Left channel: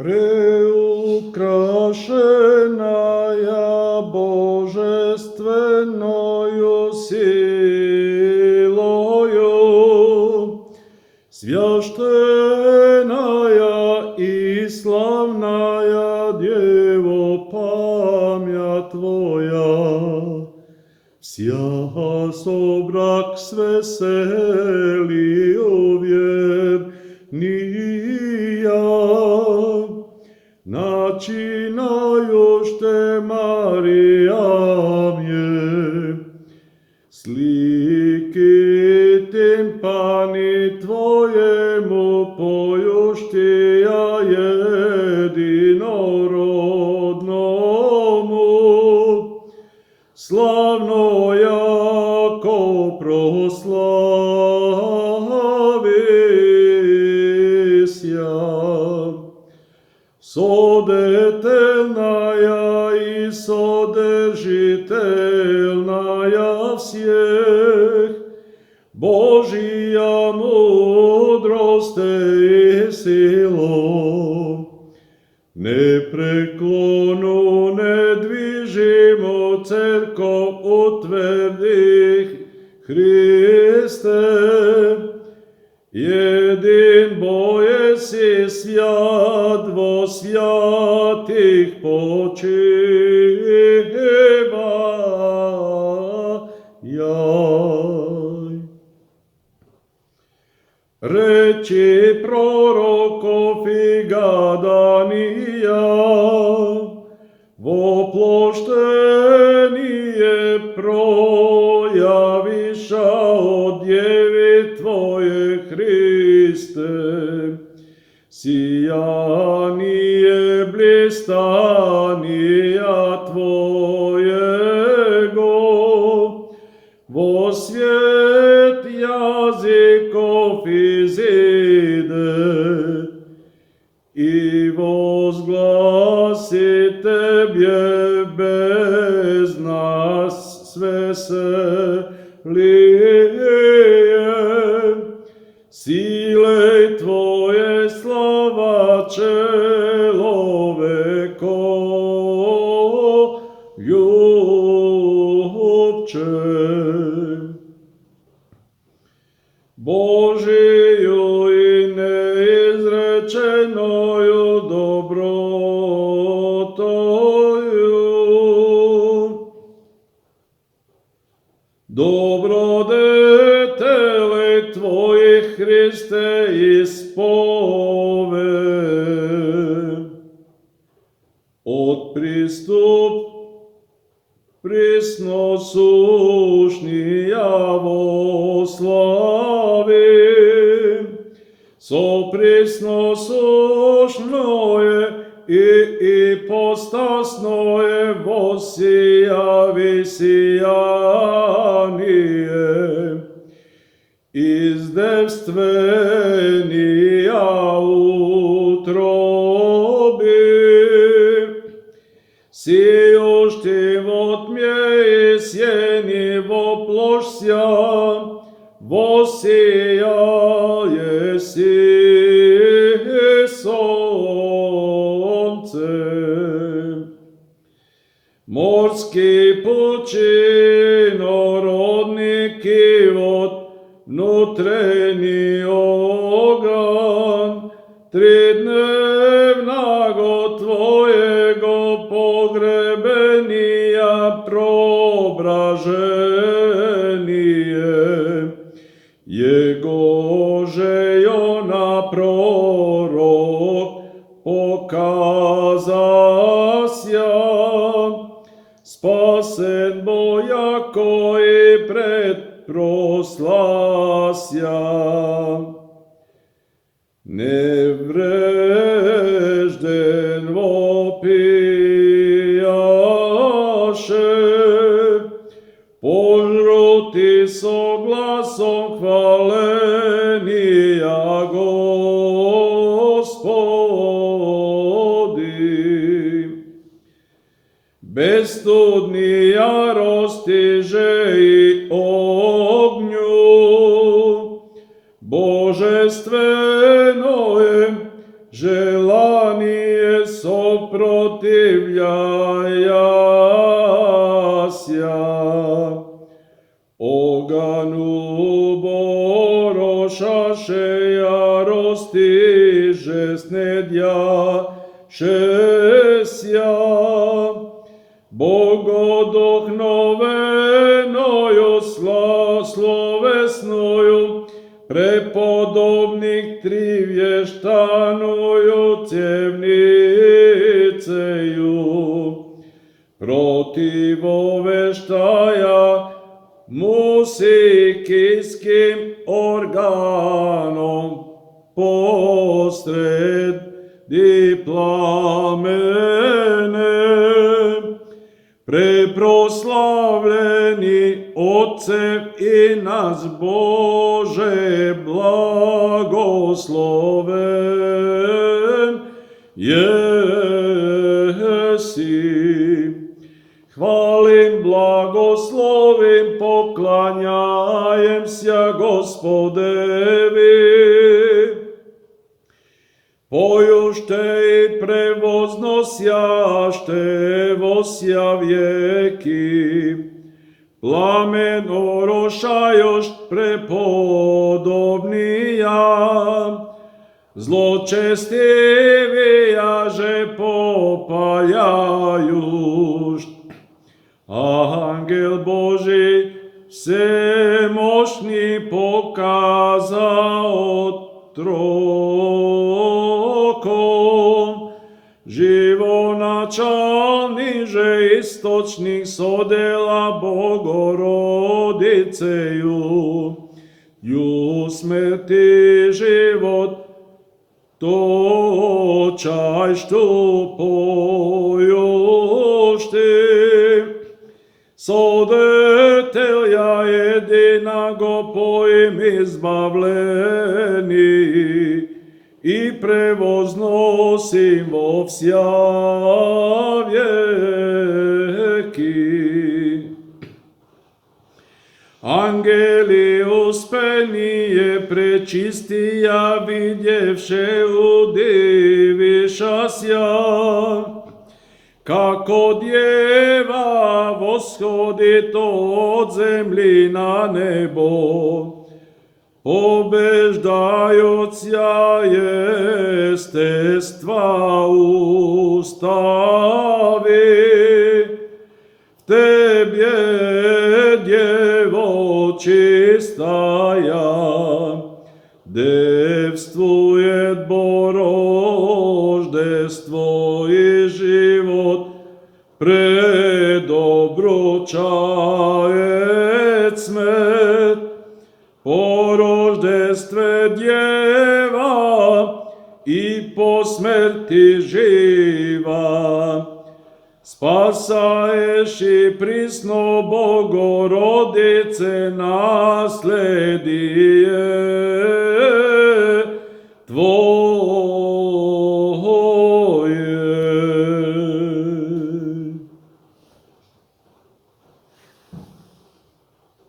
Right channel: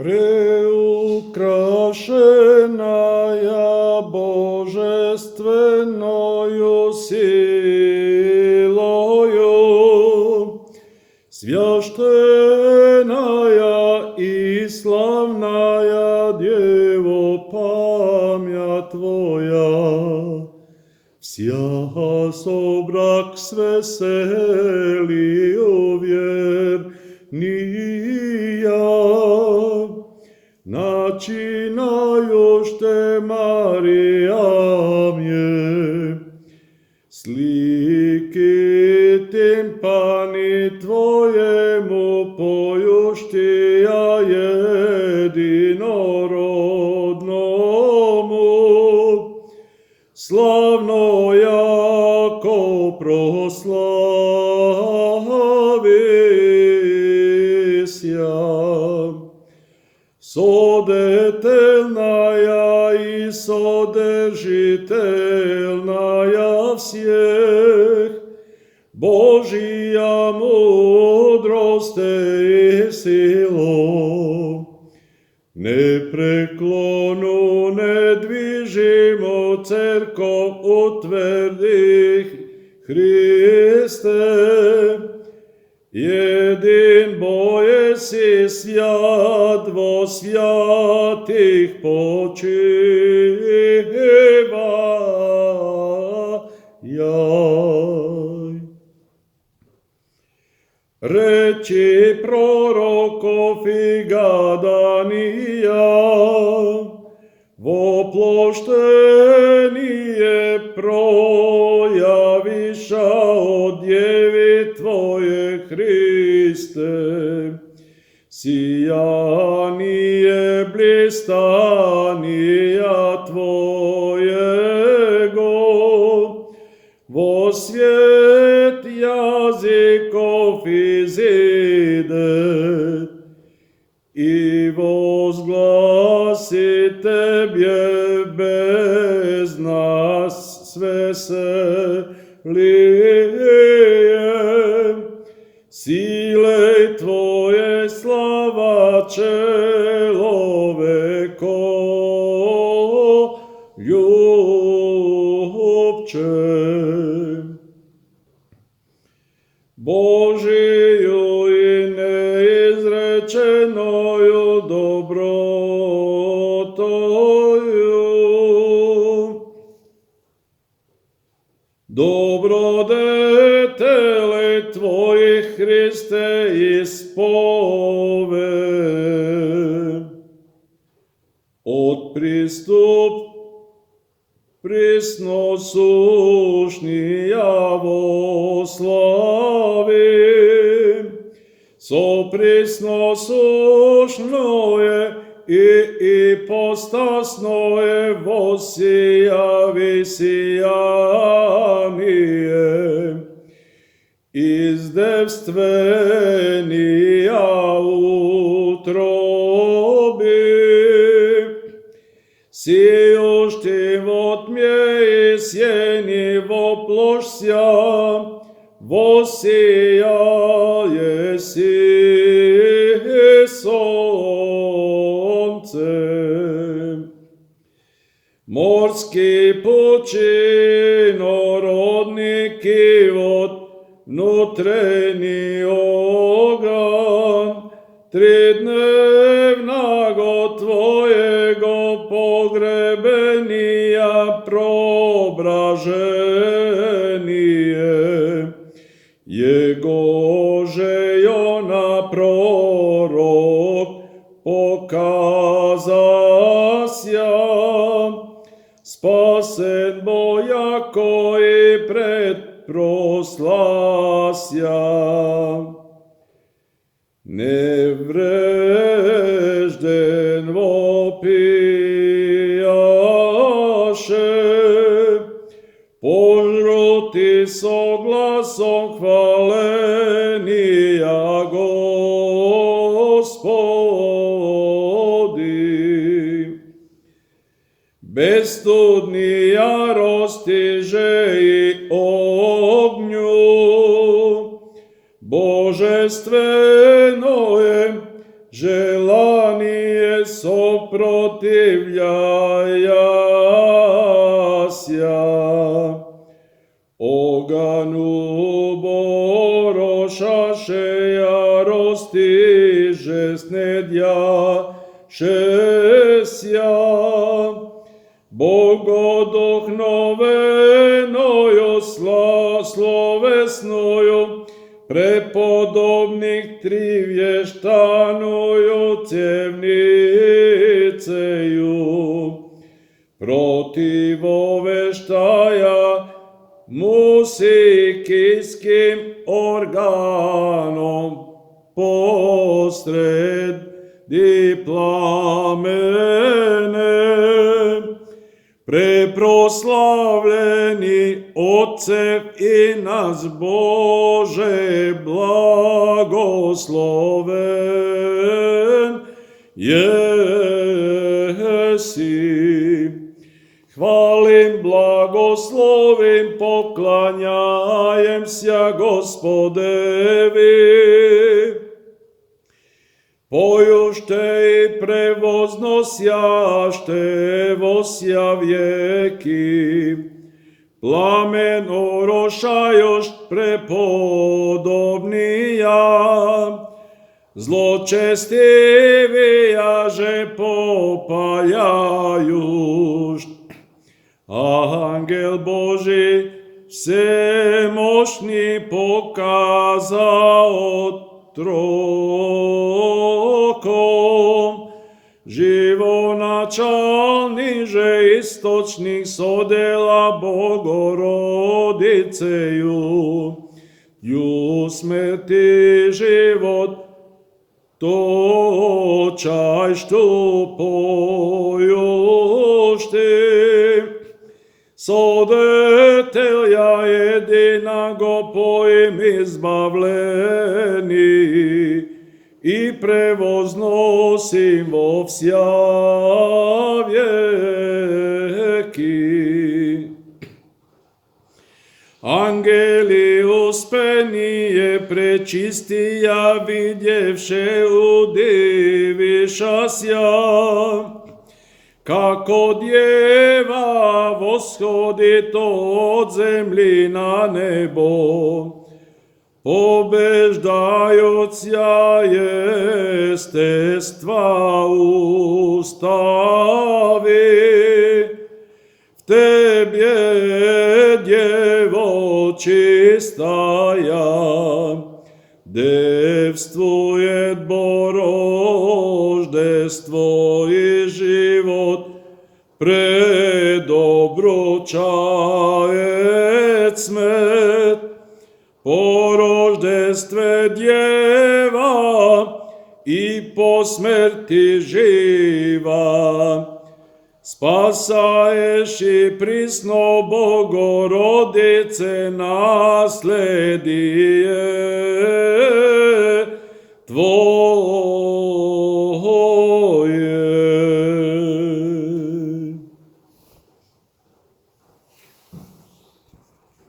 Preukrašenaja božestvenою силою, священная и славная Дево, память Твоя, вся собрак с веселью верния, начинающте Мария мне, слики тимпани Твоему поющия единородному, славно яко прославися. Содетельная и содержительная всех, Божия мудрость и сила, непреклонну, недвижимо церковь утвердих Христе, един боеси свят во святих почивай. Речи пророков и гадания, воплощение проявиша от Деви Твое Христе, сияние блистания Твоего, во свет языков изыдет, и возгласит Тебе без нас с весельем, силой Твоей слава человеку любче. Божию и неизреченою добротою, добродетели Твоих, Христе, испове, от приступ пресносущния во славе, со пресносущное и ипостасное воссияви сияние, из девствения утроби, сеющий во тьме и сени воплощся, воссияе си солнце. Морский пучинородный кивот, внутренний огонь, тридневного Твоего погребения преображение, Его же Иона пророк показася, спасен бо яко и предпрослася. Неврежден вопияше, пожрути со гласом хваления Господи. Безстудни ярости же и огню, божественное желание šesja. Bogodohnovenою slovesnою, prepodobnih tri vještanою cjevniceju. Protiv oveštaja musikijskim organom posredi plamene. Preproslavljeni Otcev i nas Bože blagosloven jesi. Hvalim, blagoslovim, poklanjajem se Gospodevi. Pojušte i prevoznosjašte vosja vjeki, plamen orošajoš prepodobnija, zločestivijaže popaljajuš. Angel Boži vsemoćni pokazao trokom, živonačalniže istočnih sodela Bogorodiceju, ju smrti život točaj što pojušti. Sodetelja jedinago pojim izbavljeni i prevoznosim vo vsja vjeki. Angeli uspenije prečistija vidjevše udivišasja, kako djeva voshodit od zemlji na nebo, pobeždajuća jestestva ustavi. V tebje, djevo čistaja, devstvuje boroždestvo i život predobručajet smet. Po roždestve djeva i po smrti živa, spasaješ i prisno Bogorodice nasledije.